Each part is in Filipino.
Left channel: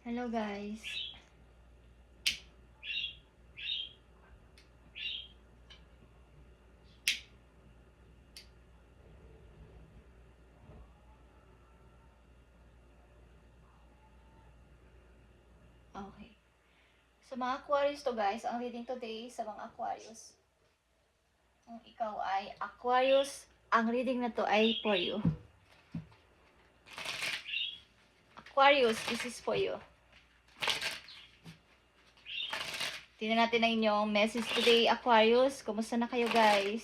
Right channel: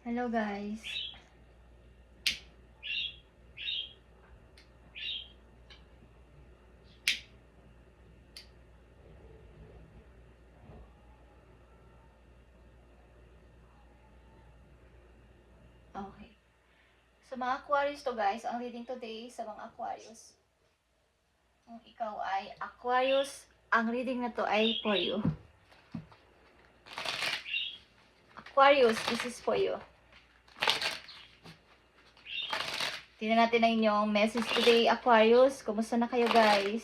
Hello guys. Okay. Sa mga Aquarius to guys, ang reading today sa mga Aquarius. Kung ikaw ay Aquarius, ang reading na to ay for you. Aquarius, this is for you. Tingnan natin ang inyong message today, Aquarius. Kumusta na kayo guys?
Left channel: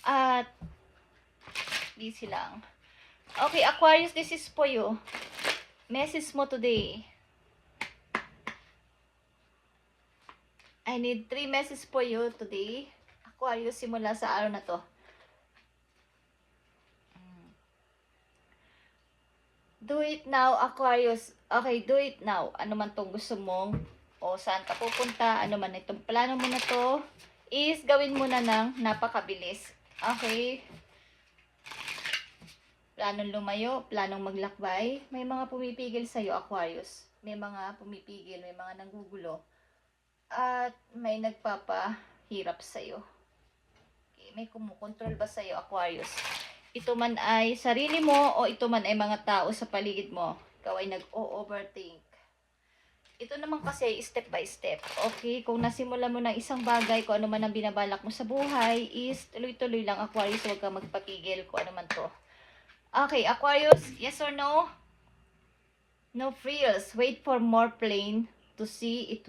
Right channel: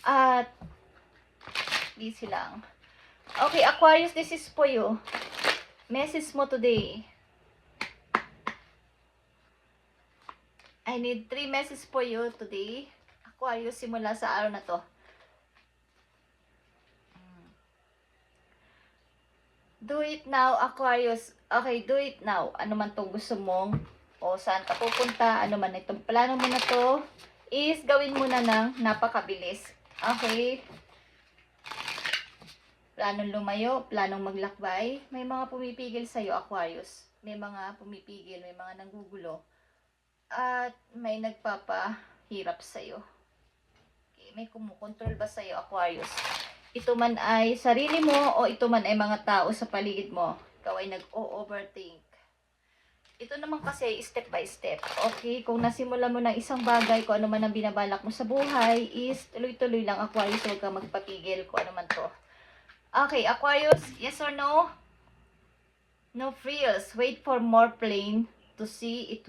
At busy lang. Okay, Aquarius, this is for you. Message mo today. I need 3 messages for you today. Aquarius, simula sa araw na to. Do it now, Aquarius. Okay, do it now. Ano man tong gusto mong o saan ka pupunta, ano man itong plano mo na to, is gawin mo na ng napakabilis. Okay? Planong lumayo, planong maglakbay. May mga pumipigil sa'yo, Aquarius. May mga pumipigil, may mga nanggugulo. At may nagpapahirap sa'yo. Okay, may kumukontrol ba sa'yo, Aquarius? Ito man ay sarili mo o ito man ay mga tao sa paligid mo. Ikaw ay nag-o-overthink. Ito naman kasi step by step. Okay, kung nasimula mo ng isang bagay, kung ano man ang binabalak mo sa buhay, is tuloy-tuloy lang, Aquarius. Huwag kang magpapigil kung ano man to. Okay, Aquarius, yes or no? No frills. Wait for more plain to see it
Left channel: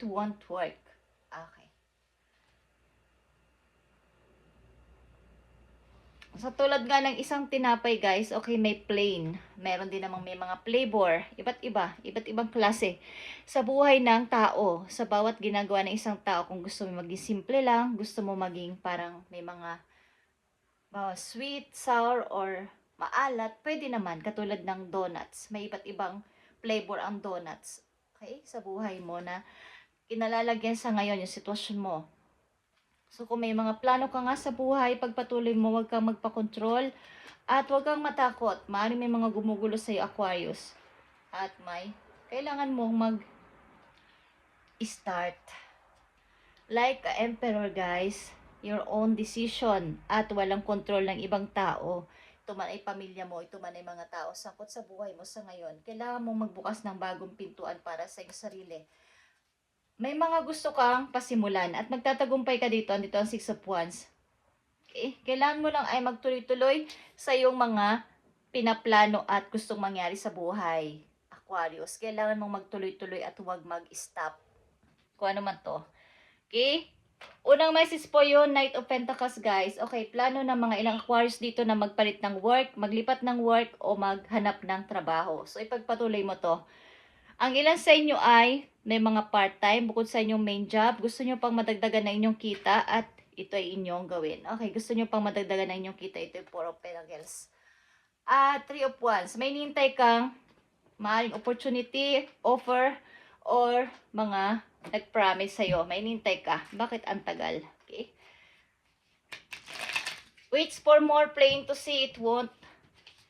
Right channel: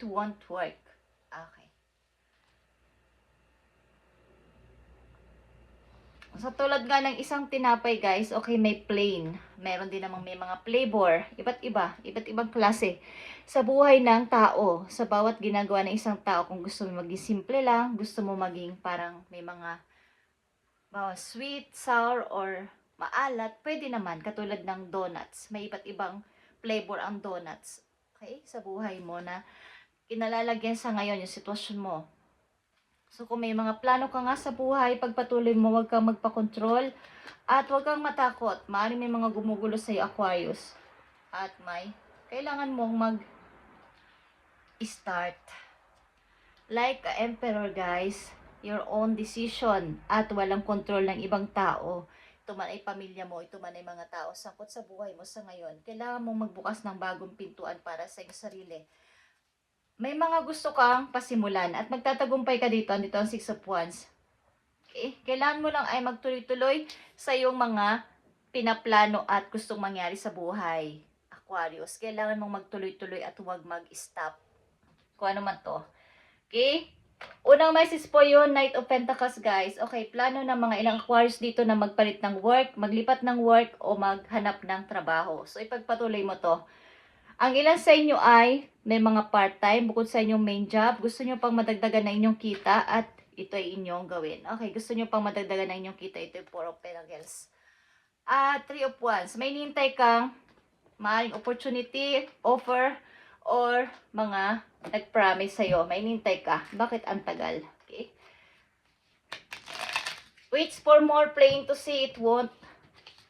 won't work. Okay. Sa tulad nga ng isang tinapay guys, okay, may plain. Meron din namang may mga flavor. Iba't ibang klase. Sa buhay ng tao, sa bawat ginagawa ng isang tao, kung gusto mo maging simple lang, gusto mo maging parang may mga sweet, sour, or maalat, pwede naman. Katulad ng donuts. May iba't ibang flavor ang donuts. Okay? Sa buhay mo na kinalalagyan sa ngayon yung sitwasyon mo. So kung may mga plano ka nga sa buhay, pagpatuloy mo, huwag kang magpakontrol at huwag kang matakot. Maaaring may mga gumugulo sa iyo, Aquarius. At may kailangan mong mag-start. Like a emperor guys, your own decision at walang control ng ibang tao. Ito man ay pamilya mo, ito man ay mga tao sangkot sa buhay mo sa ngayon. Kailangan mong magbukas ng bagong pintuan para sa iyong sarili. May mga gusto kang pasimulan at magtatagumpay ka dito. Andito ang 6 of Wands. Okay? Kailangan mo lang ay magtuloy-tuloy sa iyong mga pinaplano at gustong mangyari sa buhay. Aquarius, kailangan mong magtuloy-tuloy at huwag mag-stop. Kung ano man to. Okay? Unang message po yun, Knight of Pentacles guys. Okay, plano ng mga ilang Aquarius dito na magpalit ng work, maglipat ng work o maghanap ng trabaho. So ipagpatuloy mo to. Ang ilan sa inyo ay may mga part-time bukod sa inyong main job. Gusto nyo pang madagdagan na inyong kita at ito ay inyong gawin. Okay, gusto nyo pang madagdagan na inyong kita. Ito yung 4 of Pentacles. 3 of Wands. May nintay kang maaaring opportunity, offer, or mga nag-promise sa'yo. May nintay ka. Bakit ang tagal? Okay. Waits for more plain to see it won't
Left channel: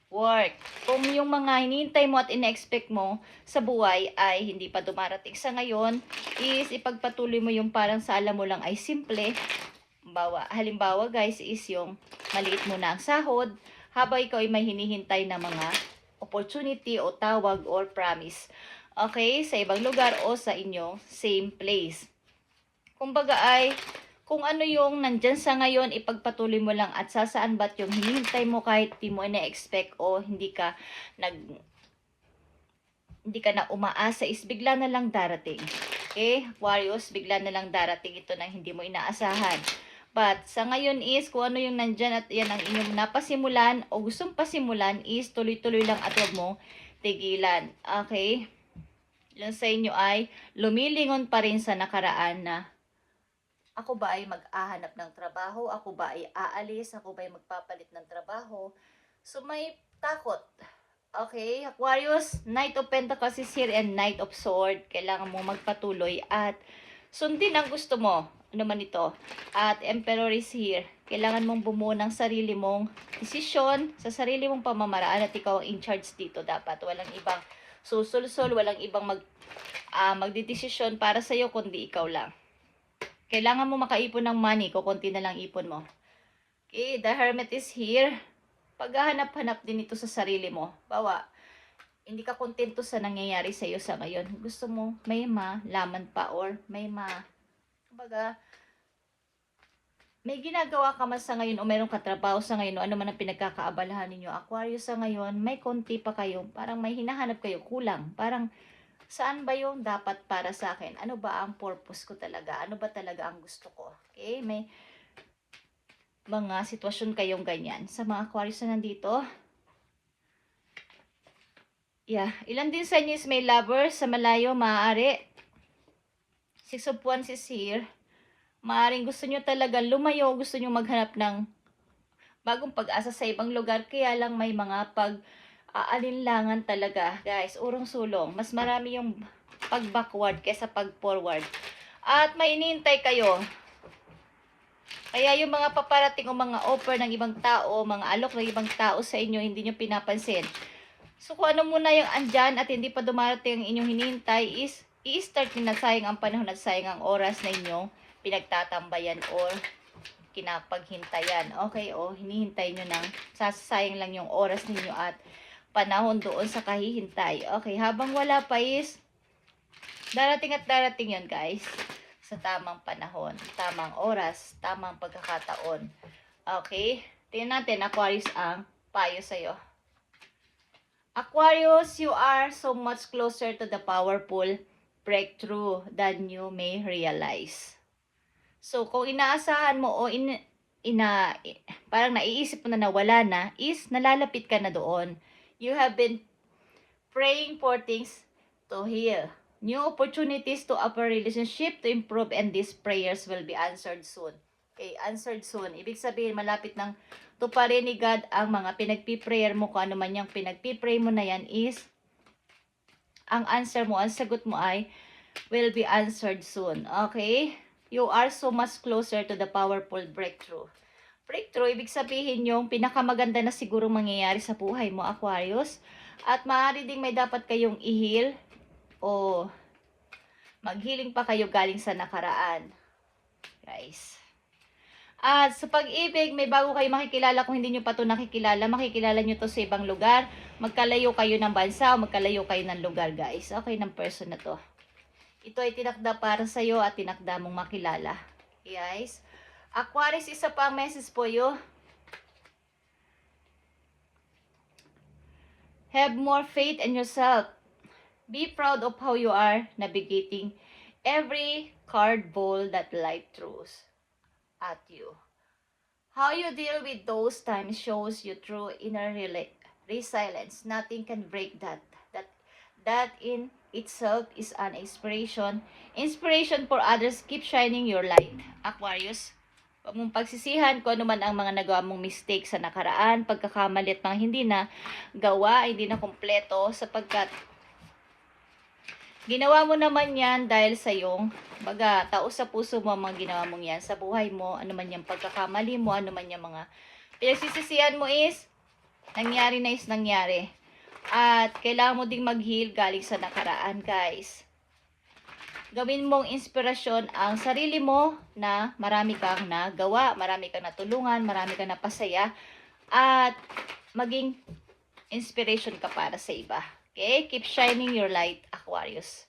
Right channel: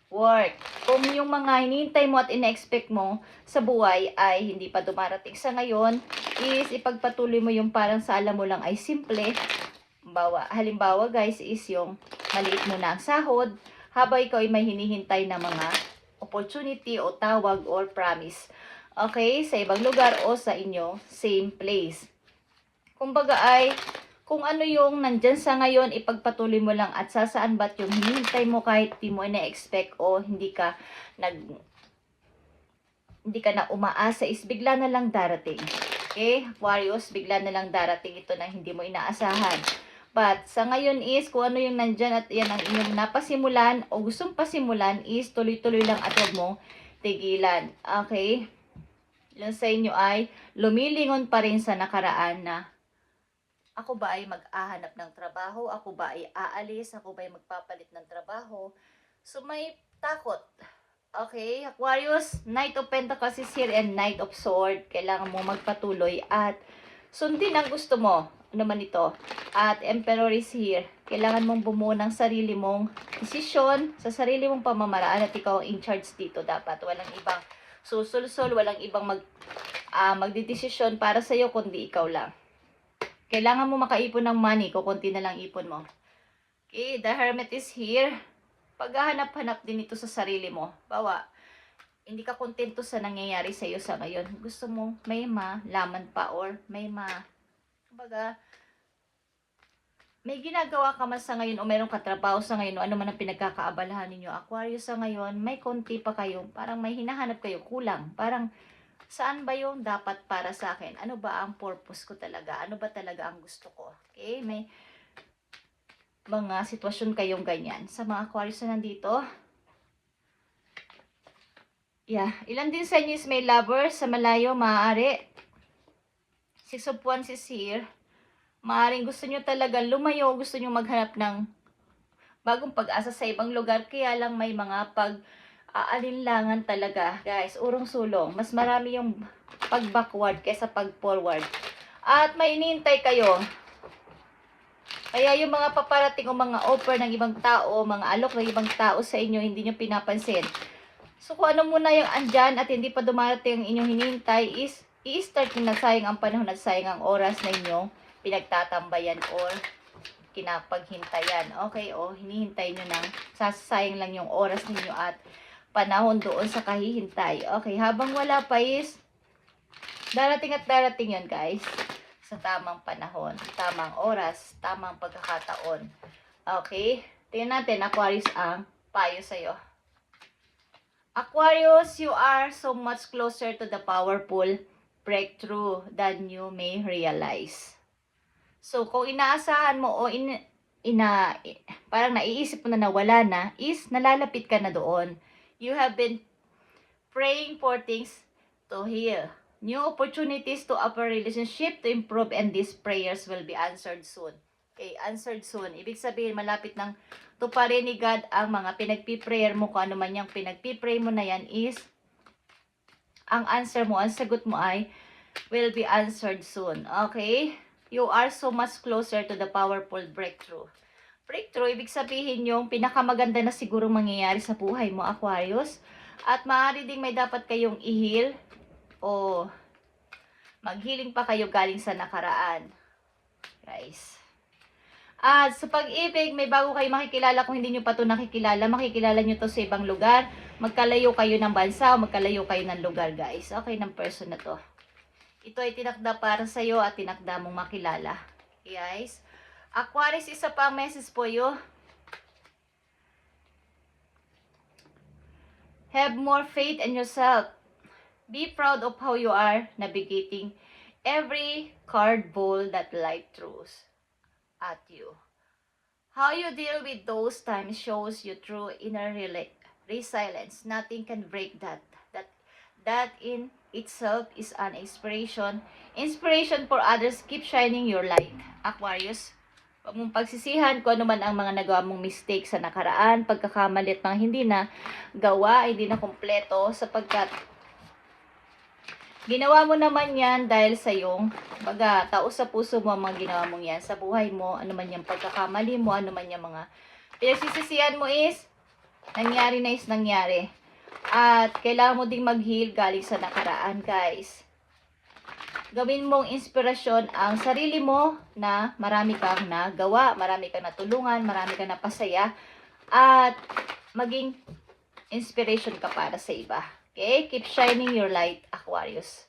work. Kung yung mga hinihintay mo at ina-expect mo sa buhay ay hindi pa dumarating sa ngayon, is ipagpatuloy mo yung parang sa alam mo lang ay simple. Halimbawa guys is yung maliit mo na ang sahod, habang ikaw ay may hinihintay na mga opportunity o tawag or promise. Okay, sa ibang lugar o sa inyo, same place. Kumbaga ay kung ano yung nandyan sa ngayon, ipagpatuloy mo lang at sasaan ba't yung hinihintay mo kahit di mo na-expect o hindi ka na umaasa is bigla na lang darating. Okay? Aquarius, bigla na lang darating ito na hindi mo inaasahan. But sa ngayon is kung ano yung nandyan at yan ang inyong napasimulan o gustong pasimulan is tuloy-tuloy lang at huwag mong tigilan. Okay? Ilan sa inyo ay lumilingon pa rin sa nakaraan na ako ba ay mag-ahanap ng trabaho? Ako ba ay aalis? Ako ba ay magpapalit ng trabaho? So, may takot. Okay, Aquarius, Knight of Pentacles is here and Knight of Swords. Kailangan mo magpatuloy at sundin ang gusto mo. Ano man ito. At Emperor is here. Kailangan mong bumuo ng sarili mong desisyon sa sarili mong pamamaraan at ikaw ang in charge dito dapat. Walang ibang susulsol, walang ibang magdidesisyon para sa'yo kundi ikaw lang. Kailangan mo makaipon ng money, kukunti na lang ipon mo. Okay, the Hermit is here. Paghahanap-hanap din ito sa sarili mo. Bawa, hindi ka kontento sa nangyayari sa iyo sa ngayon. Gusto mo may malaman pa or kumbaga, may ginagawa ka man sa ngayon o mayroong katrabaho sa ngayon o ano man ang pinagkakaabalahan ninyo. Aquarius sa ngayon, may konti pa kayo. Parang may hinahanap kayo, kulang. Parang, saan ba yung dapat para sa akin? Ano ba ang purpose ko talaga? Ano ba talaga ang gusto ko? Okay, may mga sitwasyon kayong ganyan. Sa mga Aquarius na nandito, yeah, ilan din sa inyo is may lover sa malayo, maaari. Six of Wands is here. Maaring gusto nyo talaga lumayo, gusto nyo maghanap ng bagong pag-asa sa ibang lugar, kaya lang may mga alinlangan talaga. Guys, urong-sulong. Mas marami yung pag-backward kaysa pag-forward. At may inintay kayo. Kaya yung mga paparating o mga offer ng ibang tao, mga alok ng ibang tao sa inyo, hindi nyo pinapansin. So kung ano muna yung andyan at hindi pa dumarating ang inyong hinihintay is i-start nyo na, sayang ang panahon at sayang ang oras na inyong pinagtatambayan or kinapaghintayan. Okay, o hinihintay nyo nang sasayang lang yung oras ninyo at panahon doon sa kahihintay. Okay, habang wala pa is darating at darating yun, guys. Sa tamang panahon, tamang oras, tamang pagkakataon. Okay? Tingnan natin, Aquarius, ang payo sa'yo. Aquarius, you are so much closer to the powerful breakthrough than you may realize. So, kung inaasahan mo o parang naiisip mo na nawala na, is nalalapit ka na doon. You have been praying for things to heal. New opportunities to upper relationship to improve, and these prayers will be answered soon. Okay, answered soon. Ibig sabihin, malapit ng tuparin ni God ang mga pinagpiprayer mo. Kung ano man yung pinagpipray mo na yan is, ang answer mo, ang sagot mo ay, will be answered soon. Okay? You are so much closer to the powerful breakthrough. Breakthrough, ibig sabihin yung pinakamaganda na siguro mangyayari sa buhay mo, Aquarius. At maaari ding may dapat kayong i-heal o mag-healing pa kayo galing sa nakaraan. Guys. At sa pag-ibig, may bago kayo makikilala. Kung hindi nyo pa ito nakikilala, makikilala nyo to sa ibang lugar. Magkalayo kayo ng bansa o magkalayo kayo ng lugar, guys. Okay, ng person na to. Ito ay tinakda para sa'yo at tinakda mong makilala. Guys. Aquarius, isa pa ang message po you. Have more faith in yourself. Be proud of how you are navigating every card ball that life throws at you. How you deal with those times shows you true inner resilience. Nothing can break that. That in itself is an inspiration. Inspiration for others. Keep shining your light. Aquarius, huwag mong pagsisihan kung ano man ang mga nagawa mong mistake sa nakaraan, pagkakamali at mga hindi na gawa, hindi na kompleto, sapagkat ginawa mo naman yan dahil sa iyong tao sa puso mo ang mga ginawa mong yan sa buhay mo. Ano man yung pagkakamali mo, ano man yung mga pinagsisisihan mo is nangyari na is nangyari. At kailangan mo ding mag-heal galing sa nakaraan, guys. Gawin mong inspirasyon ang sarili mo na marami kang nagawa, marami kang natulungan, marami kang napasaya, at maging inspiration ka para sa iba. Okay? Keep shining your light, Aquarius.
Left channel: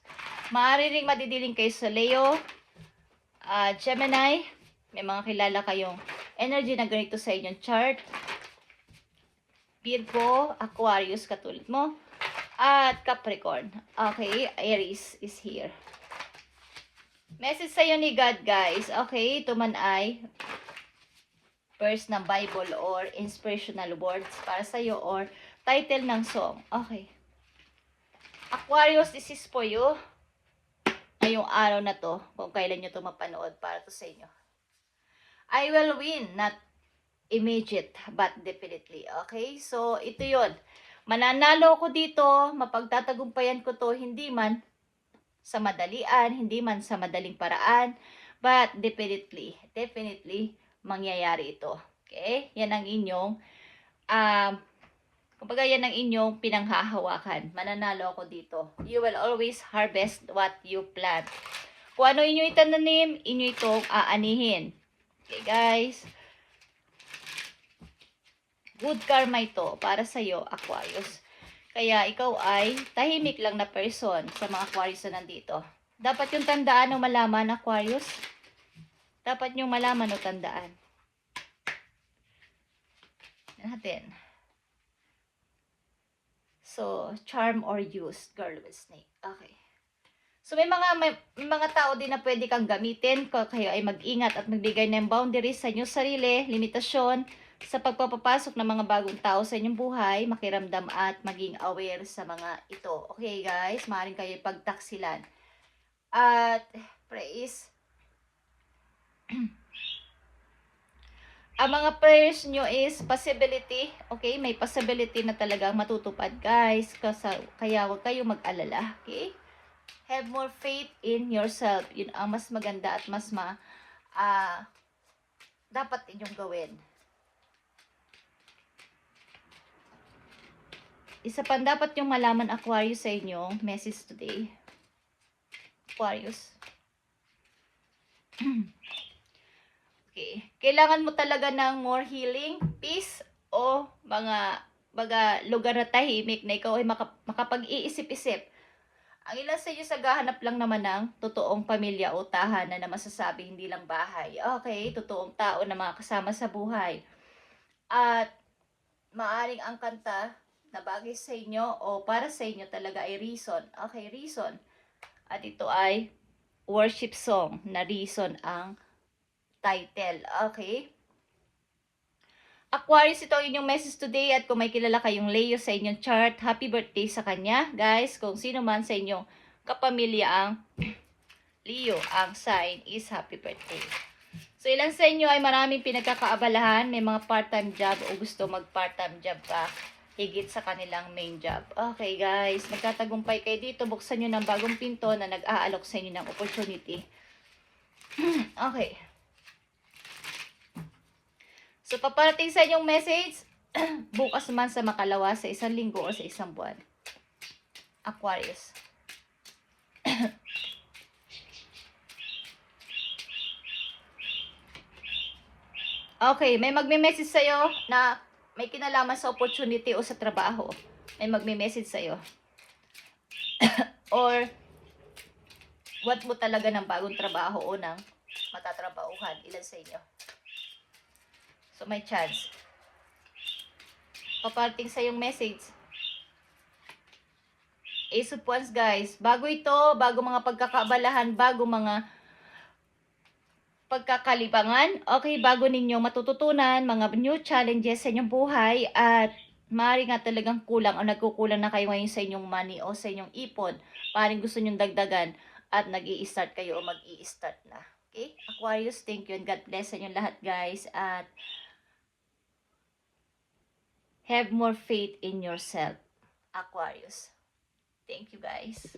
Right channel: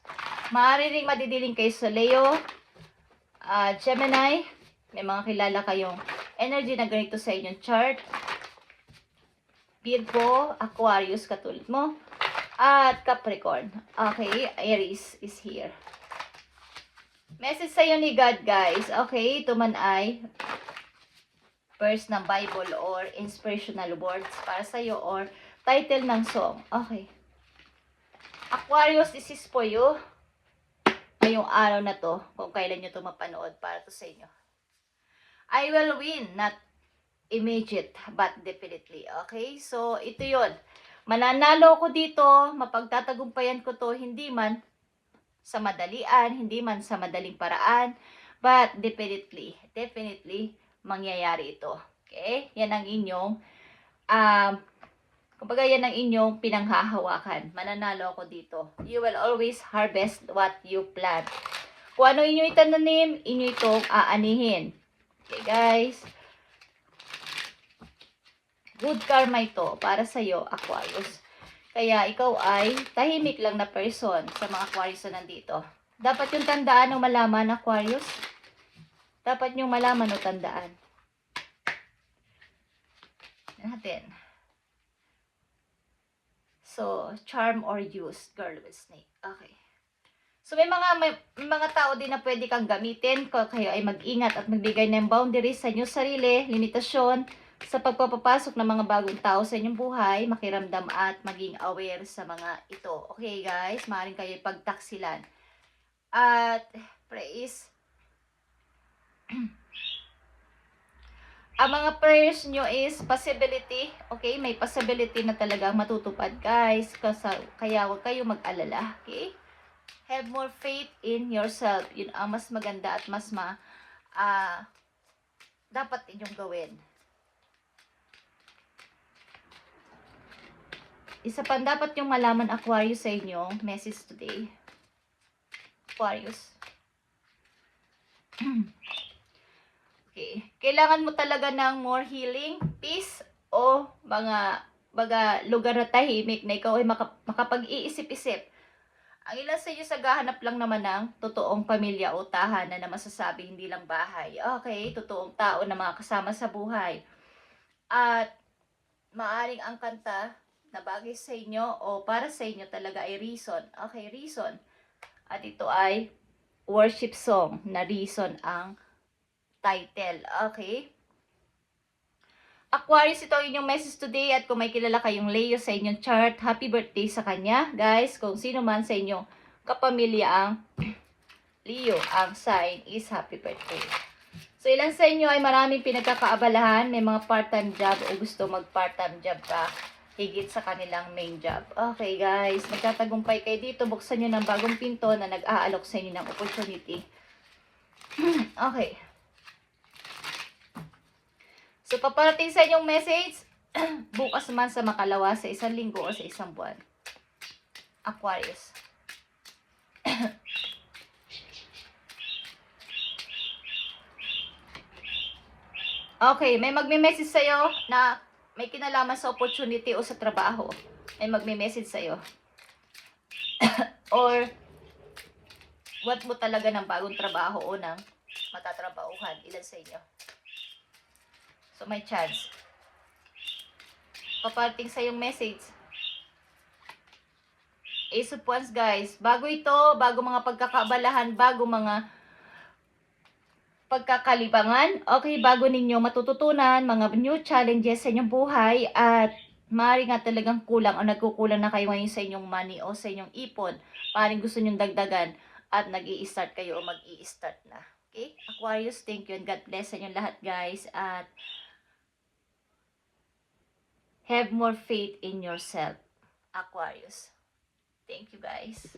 Maaari ring madidiling kayo sa Leo, Gemini. May mga kilala kayong energy na ganito sa inyong chart. Virgo, Aquarius, katulad mo. At Capricorn. Okay, Aries is here. Message sa'yo ni God, guys. Okay, ito man ay verse ng Bible or inspirational words para sa'yo or title ng song. Okay. Aquarius, this is for you. Ngayong araw na to, kung kailan nyo to mapanood, para to sa inyo. I will win, not immediate, but definitely. Okay? So, ito yun. Mananalo ko dito, mapagtatagumpayan ko to, hindi man sa madalian, hindi man sa madaling paraan, but definitely, mangyayari ito. Okay? Yan ang inyong Kumbaga yan ang inyong pinanghahawakan. Mananalo ako dito. You will always harvest what you plant. Kung ano inyo itananim, inyo itong aanihin. Okay guys? Good karma ito para sa'yo, Aquarius. Kaya ikaw ay tahimik lang na person sa mga Aquarius na nandito. Dapat yung tandaan o malaman, Aquarius. Dapat yung malaman o tandaan. Natin. So, charm or use, girl with snake. Okay. So, may mga tao din na pwede kang gamitin kung kayo ay mag-ingat at magbigay ng boundaries sa inyong sarili, limitasyon, sa pagpapapasok ng mga bagong tao sa inyong buhay, makiramdam at maging aware sa mga ito. Okay guys, maaaring kayo pagtaksilan. At praise. Ang mga prayers nyo is possibility. Okay, may possibility na talagang matutupad guys. Kaya huwag kayo mag-alala. Okay? Have more faith in yourself. Yun ang mas maganda at mas dapat inyong gawin. Isa pa dapat yung malaman, Aquarius, sa inyong message today. Aquarius. Okay. Kailangan mo talaga ng more healing, peace, o mga lugar na tahimik na ikaw ay makapag-iisip-isip. Ang ilan sa inyo gahanap lang naman ng totoong pamilya o tahanan na masasabi hindi lang bahay. Okay, totoong tao na mga kasama sa buhay. At maaring ang kanta na bagay sa inyo o para sa inyo talaga ay reason. Okay, reason. At ito ay worship song na reason ang title. Okay? Aquarius, ito ang inyong message today at kung may kilala kayong Leo sa inyong chart, happy birthday sa kanya. Guys, kung sino man sa inyong kapamilya ang Leo, ang sign is happy birthday. So, ilan sa inyo ay maraming pinagkakaabalahan, may mga part-time job o gusto mag-part-time job ka higit sa kanilang main job. Okay guys, magtatagumpay kayo dito, buksan nyo ng bagong pinto na nag-aalok sa inyo ng opportunity. Okay. So, paparating sa inyong message, bukas man sa makalawa, sa isang linggo o sa isang buwan. Aquarius. Okay, may magme-message sa'yo na may kinalaman sa opportunity o sa trabaho. May magme-message sa'yo. Or, what mo talaga ng bagong trabaho o ng matatrabahuhan. Ilan sa inyo? So, may chance. Paparating sa yung message. Ace of Wands, guys. Bago ito, bago mga pagkakaabalahan, bago mga pagkakalibangan, okay, bago ninyo matututunan mga new challenges sa inyong buhay at maaaring nga talagang kulang o nagkukulang na kayo ngayon sa inyong money o sa inyong ipon. Maaaring gusto nyong dagdagan at nag-i-start kayo o mag-i-start na. Okay? Aquarius, thank you and God bless sa inyong lahat guys at have more faith in yourself. Aquarius. Thank you guys.